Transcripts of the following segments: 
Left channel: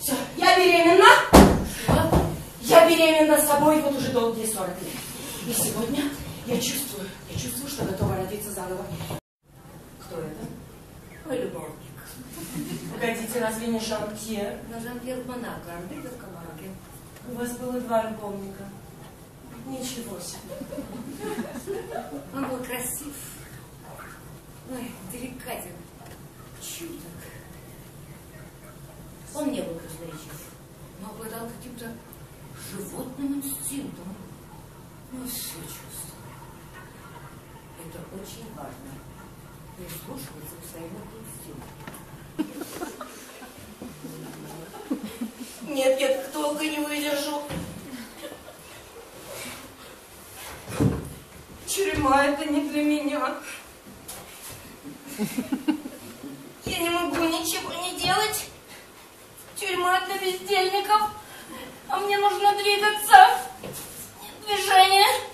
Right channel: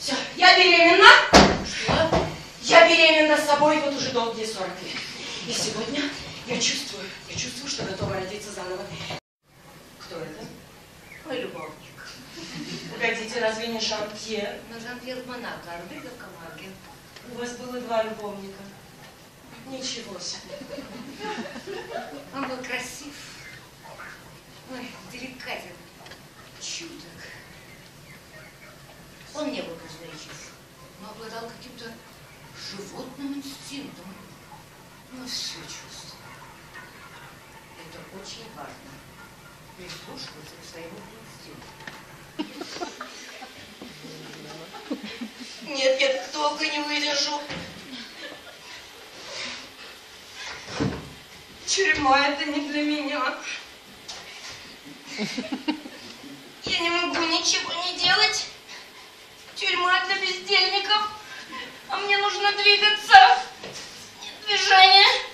Все, я беременна. Что? Я беременна собой вот уже долгие 40 лет. И сегодня я чувствую, я чувствую, что готова родиться заново. Кто это? Мой любовник. Погодите, разве не Шаркье? Мадам Пьер Монако, Арбига в Камарге. У вас было два любовника. Ничего себе. Он был красив. Ой, деликатен. Чуток. Он не был красноречив, но обладал каким-то животным инстинктом. Ну, все чувствовал. Это очень важно. Прислушиваться к своему инстинкту. Нет, я так долго не выдержу. Тюрьма это не для меня. Я не могу ничего не делать. Тюрьма для бездельников. А мне нужно двигаться. Нет движения.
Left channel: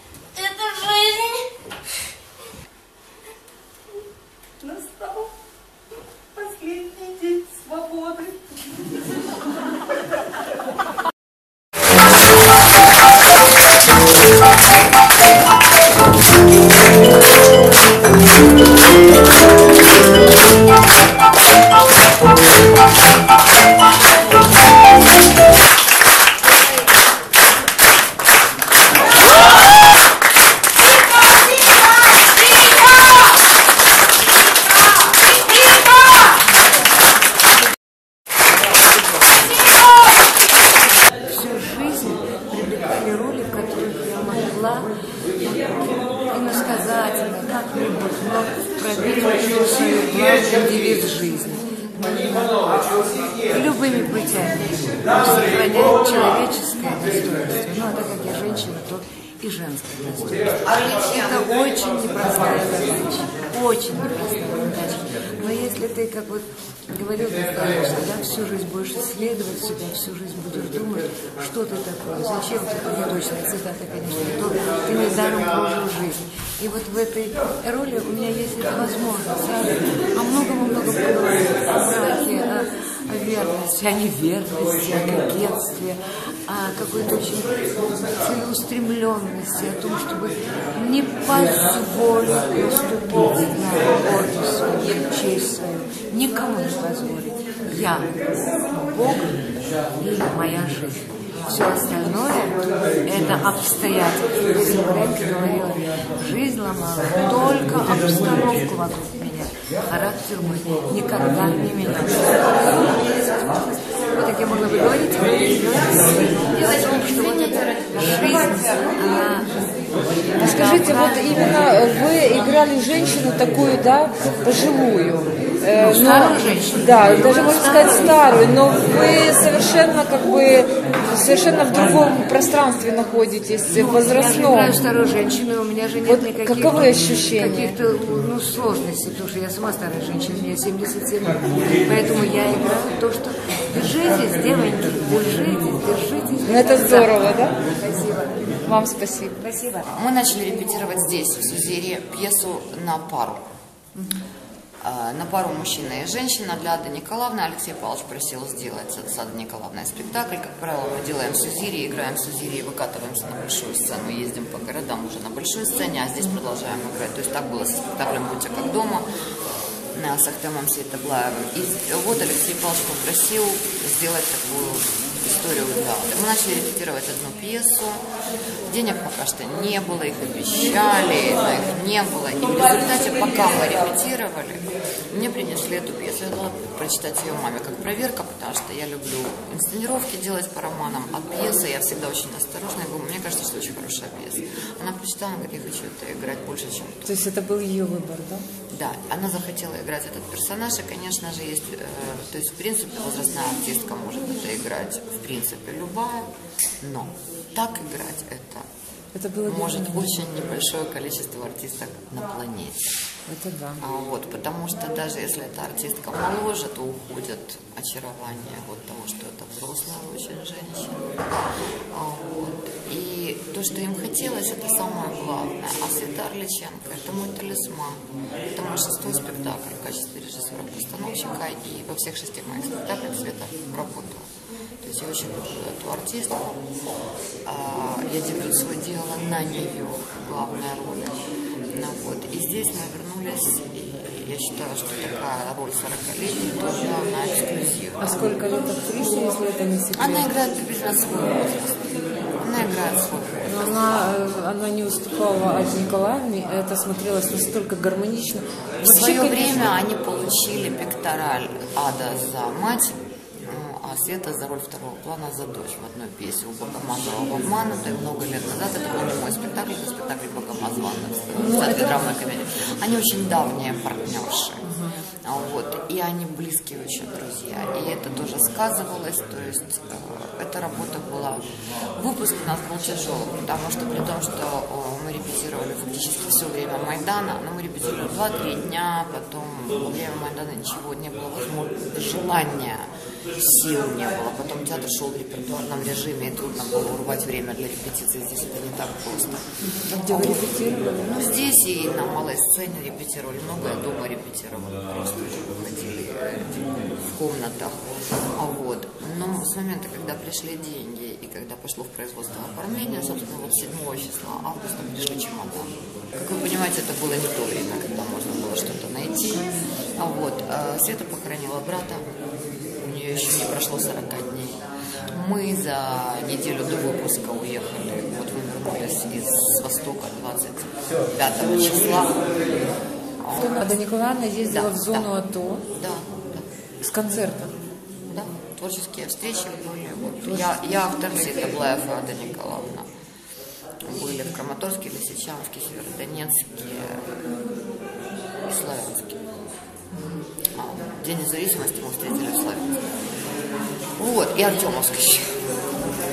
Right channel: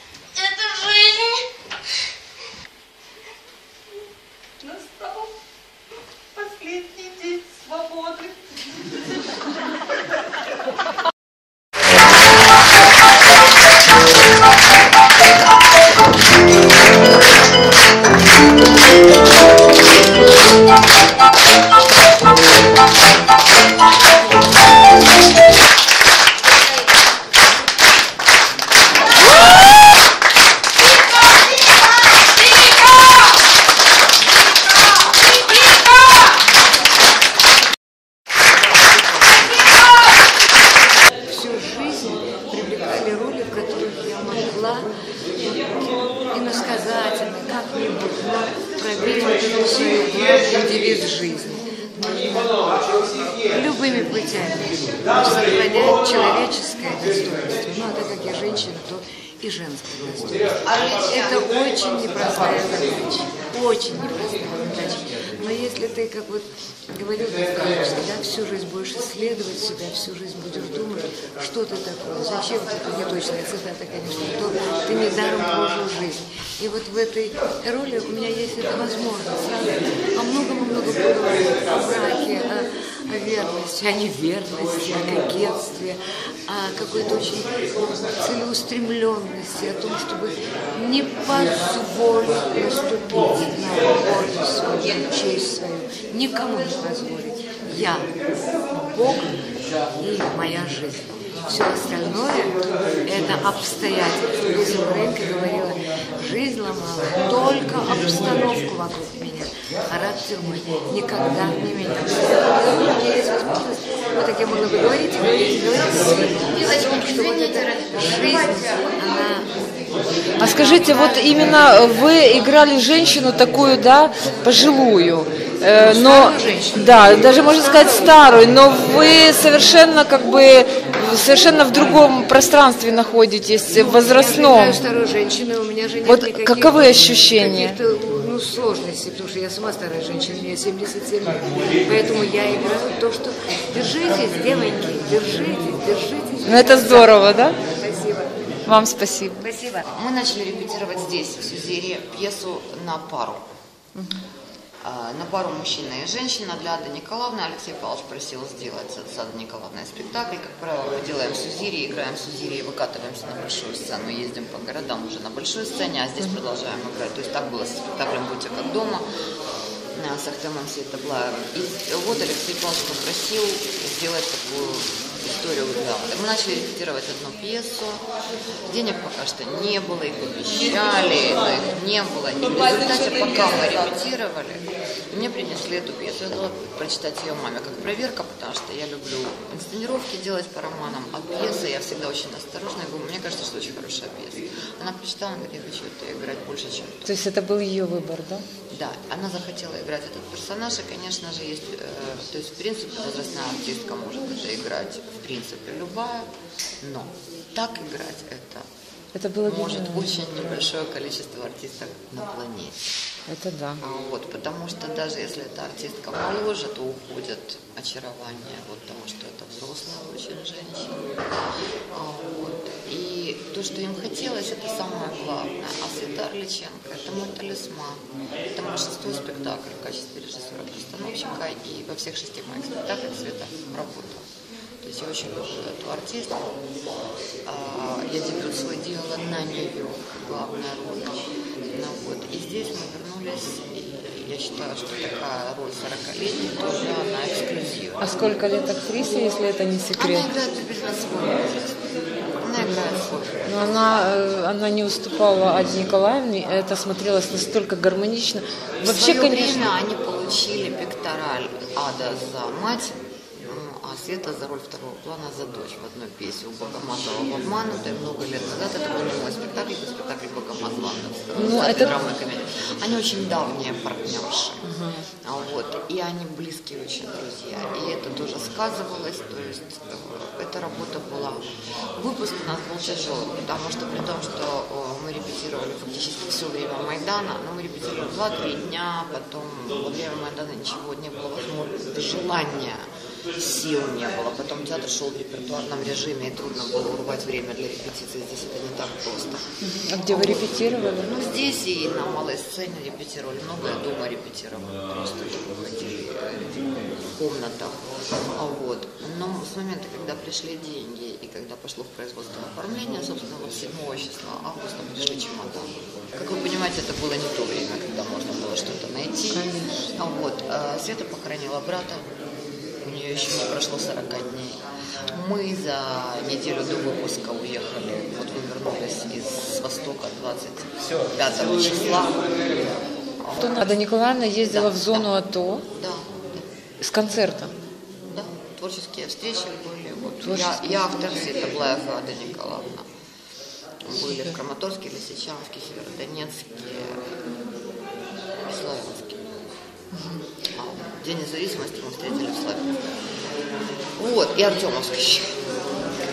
Главный девиз жизни. Любыми путями сохранять человеческое достоинство. Ну, а так как я женщина, то и женское достоинство. Это очень непростая задача. Очень непростая задача. Но если ты, как вот говорил да, всю жизнь будешь исследовать себя, всю жизнь будешь думать, что ты такое, зачем ты, не точная цитата, конечно, то ты недаром прожил жизнь. И вот в этой роли у меня есть эта возможность сразу о многом-многом поговорить, о браке, о верности, о неверности, о кокетстве, о какой-то очень целеустремленности, о том, чтобы не позволить наступить на гордость свою, честь свою, никому не позволить. Я, Бог и моя жизнь. Все остальное – это обстоятельства. Лиза Маренко говорила, жизнь ломала только обстановку вокруг меня. Характер мой никогда не менялся. Вот так я могла бы говорить, говорить, говорить о том, что вот эта жизнь, она А скажите, вот именно вы играли женщину такую, да, пожилую. Э, Ну, старую женщину. Да, Ну, даже можно сказать старую. старую, но вы совершенно как бы совершенно в другом пространстве находитесь, в Я же возрастном. играю старую женщину, у меня же нет Вот никаких... каковы ощущения? Каких-то, ну, сложностей, потому что я сама старая женщина, мне 77 лет. Поэтому я играю то, что... Держитесь, девоньки, держитесь, держитесь. Ну, это здорово, да? Спасибо. Вам спасибо. Спасибо. Мы начали репетировать здесь, в Сузере, пьесу на пару. А, На пару мужчина и женщина для Ады Николаевны. Алексей Павлович просил сделать с Адой Николаевной спектакль. Как правило, мы делаем в Сузире, играем в Сузире и выкатываемся на большую сцену. Ездим по городам уже на большой сцене, а здесь продолжаем играть. То есть так было со спектаклем «Будьте как дома» с Ахтемом Сейтаблаевым. И вот Алексей Павлович попросил сделать такую историю Ады. Мы начали репетировать одну пьесу. Денег пока что не было, их обещали, но их не было. И в результате, пока мы репетировали, мне принесли эту пьесу. Я дала прочитать ее маме как проверка, потому что я люблю инсценировки делать по романам, а пьесы я всегда очень осторожна. Я говорю, мне кажется, что очень хорошая пьеса. Она прочитала, она говорит, я хочу это играть больше, чем то. То есть это был ее выбор, да? Да, она захотела играть этот персонаж, и, конечно же, есть, э, то есть, в принципе, возрастная артистка играть, в принципе, любая, но так играть это Это было может нее. очень небольшое количество артисток на планете. Это да. А вот, потому что даже если эта артистка моложе, то уходит очарование вот того, что это взрослая очень женщина. А вот. И то, что им хотелось, это самое главное. А Света Орличенко – это мой талисман. Это мой шестой спектакль в качестве режиссера-постановщика. И во всех шести моих спектаклях Света работала. Есть я очень люблю эту артистку. А, я дебют свой делала на нее, главная роль. Ну, вот. И здесь мы вернулись, и я считаю, что такая роль 40-летней тоже она эксклюзивна. А сколько лет актрисе, если это не секрет? Она играет приблизительно свой возраст. Она играет свой возраст. Она, э, она не уступала от Николаевны, это смотрелось настолько гармонично. В свое время они получили пектораль Ада за мать, а Света за роль второго плана за дочь в одной пьесе у Богомазова в «Обманутой» много лет назад. Это был не мой спектакль, это спектакль Богомазова в Ну, театре это- драмы и комедии. Они очень давние партнерши. А Вот, и они близкие очень друзья. И это тоже сказывалось, то есть э, эта работа была... Выпуск у нас был тяжелым, потому что при том, что э, мы репетировали фактически все время Майдана, но мы репетировали 2-3 дня, потом во время Майдана ничего не было возможно, желания, сил не было. Потом театр шел в репертуарном режиме, и трудно было урвать время для репетиции. Здесь это не так просто. А где вы репетировали? Ну, здесь и на малой сцене репетировали, много я дома репетировали, просто ходили э, в комнатах. А вот. Но с момента, когда пришли деньги и когда пошло в производство оформления, собственно, вот 7 числа августа пришли чемоданы. Как вы понимаете, это было не то время, когда можно было что-то найти. А вот. э, Света похоронила брата, нее еще не прошло 40 дней. Мы за неделю до выпуска уехали, вот мы вернулись из Востока 25 числа. Ада Николаевна ездила Да, в зону да. АТО Да, с концертом. да, да. Творческие встречи были. Вот я, я автор Светоблаев и Ада Николаевна. Были в Краматорске, Лисичанске, Северодонецке и Славянске. День независимости мы встретили в Славянске. Вот, и Артемовск еще.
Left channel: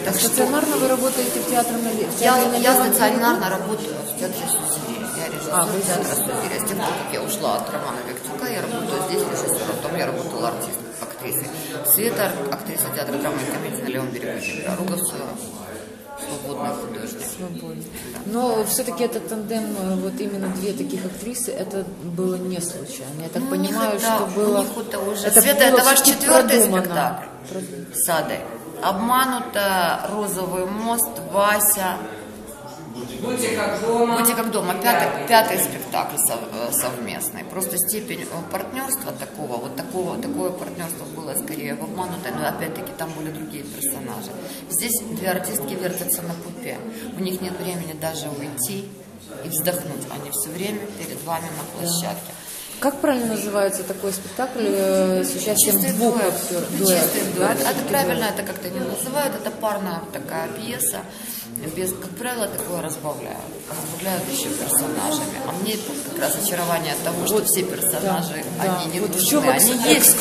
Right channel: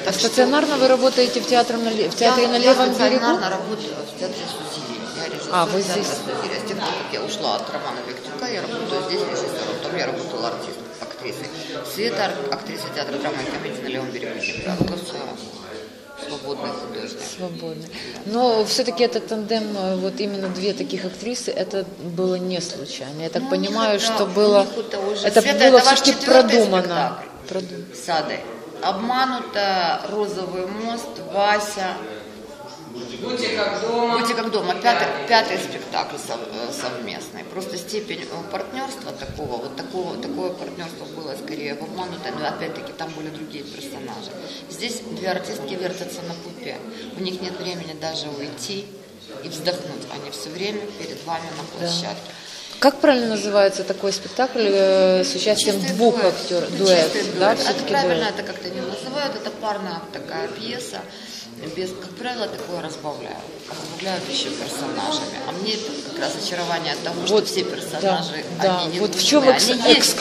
Так что Стационарно вы работаете в театре на, в я, театре на я Левом стационарно работаю в театре Сузири. Я режиссер А, театра? Сузири. А с тех пор, как я ушла от Романа Виктюка, я работаю здесь режиссером. Там я работала артист, актрисой. Света, актриса театра драмы и комедии на левом берегу Днепра. Руковцева, свободный художник. Свободно. Но все-таки этот тандем, вот именно две таких актрисы, это было не случайно. Я так Ну, понимаю, это- что было... это уже- Это Света, было это ваш четвертый продумано. спектакль? Прод- С Адой. Обманута, Розовый мост, Вася. Будьте как дома. Будьте как дома. Пятый, пятый спектакль сов- э, совместный. Просто степень э, партнерства такого, вот такого, такое партнерство было скорее в обманутой, но опять-таки там были другие персонажи. Здесь две артистки вертятся на пупе. У них нет времени даже уйти и вздохнуть. Они все время перед вами на площадке. Как правильно называется такой спектакль э, с участием Чистый двух дуэт. актеров? Это Дуэт, чистый да, дуэт. Это всё-таки правильно, дуэт. это как-то не называют. Это парная такая пьеса. Без, как правило, такое разбавляют. Разбавляют еще персонажами. А мне как раз очарование того, что Вот, все персонажи, да, они да. не Вот нужны. они есть.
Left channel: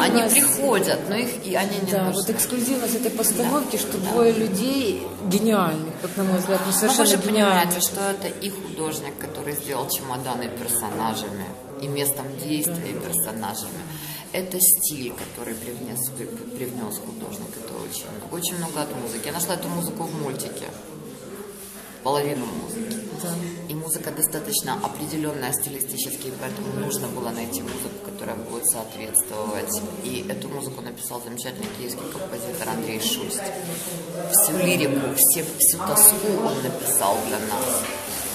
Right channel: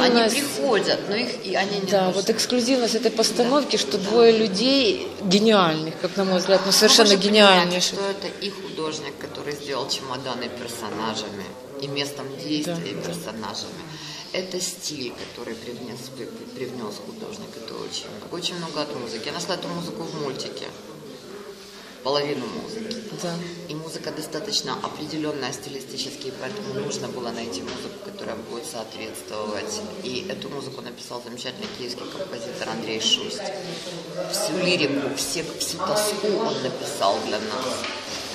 Они приходят, но их и они не Да, нужны. вот эксклюзивность этой постановки, что двое людей гениальных, как на мой взгляд, ну вы совершенно же гениальных. что это и художник, который сделал чемоданы персонажами, и местом действия персонажами. Это стиль, который привнес, при- привнес художник. Это очень много. Очень много от музыки. Я нашла эту музыку в мультике. Половину музыки. Да. И музыка достаточно определенная стилистически, поэтому нужно было найти музыку, которая будет соответствовать. И эту музыку написал замечательный киевский композитор Андрей Шусть. Всю лирику, все, всю тоску он написал для нас.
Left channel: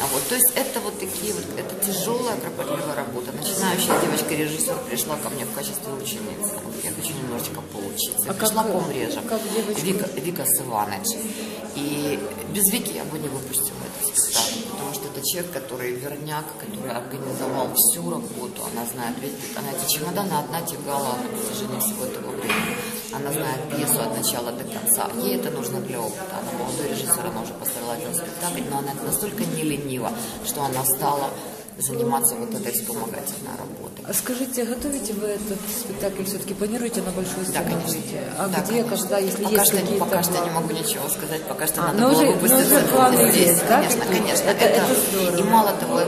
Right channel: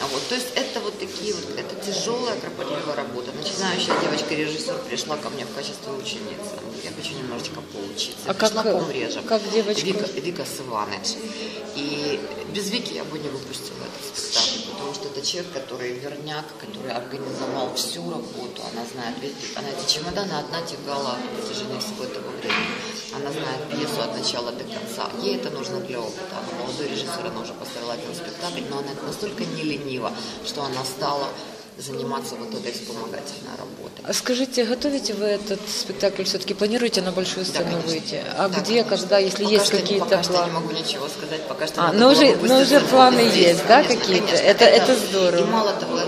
А вот, то есть это вот такие вот, это тяжелая, кропотливая работа. Начинающая девочка-режиссер пришла ко мне в качестве ученицы. Я хочу немножечко поучиться. А пришла как, помреже. как девочка? Вика, Вика Сываныч. И без Вики я бы не выпустила этот спектакль, потому что это человек, который верняк, который организовал всю работу. Она знает весь, она эти чемоданы одна тягала на протяжении всего этого времени. Она знает пьесу от начала до конца. Ей это нужно для опыта. Она молодой режиссер, она уже поставила спектакль, но она настолько не ленива, что она стала заниматься вот этой вспомогательной работой. А скажите, готовите вы этот спектакль все-таки? Планируете на большую Да, сцену конечно. выйти? А Да, где, конечно. когда, если пока есть что, какие-то Пока что не могу ничего сказать, пока что А, надо но было уже- но выпуститься уже планы здесь. есть, да, конечно, какие-то? конечно. Это- это здорово. и мало того,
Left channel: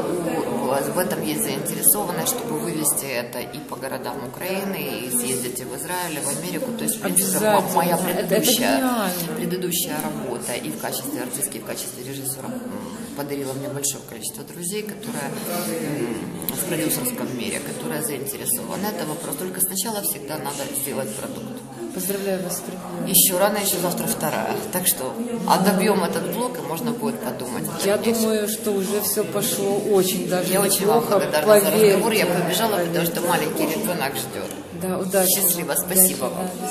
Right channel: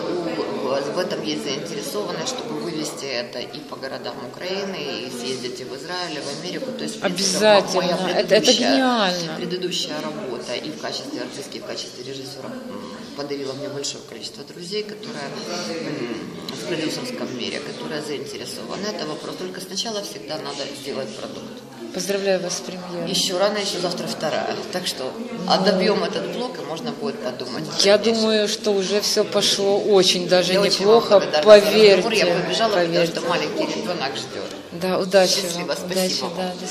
у- в этом есть заинтересованность, чтобы вывести это и по городам Украины, и съездить и в Израиль, и в Америку. То есть, в принципе, моя Это- это предыдущая, предыдущая работа и в качестве артистки, и в качестве режиссера подарила мне большое количество друзей, которые в продюсерском мире, которые заинтересованы. Это вопрос. Только сначала всегда надо сделать продукт. Поздравляю вас с премьерой. Еще рано, еще завтра вторая. Так что отдобьем этот блок, и можно будет подумать. Я думаю, что уже все пошло очень даже Я очень вам неплохо. благодарна за Поверьте, разговор. Я побежала, потому поверьте. что маленький ребенок ждет. Да, удачи. Счастливо, спасибо Удачи, вам. да.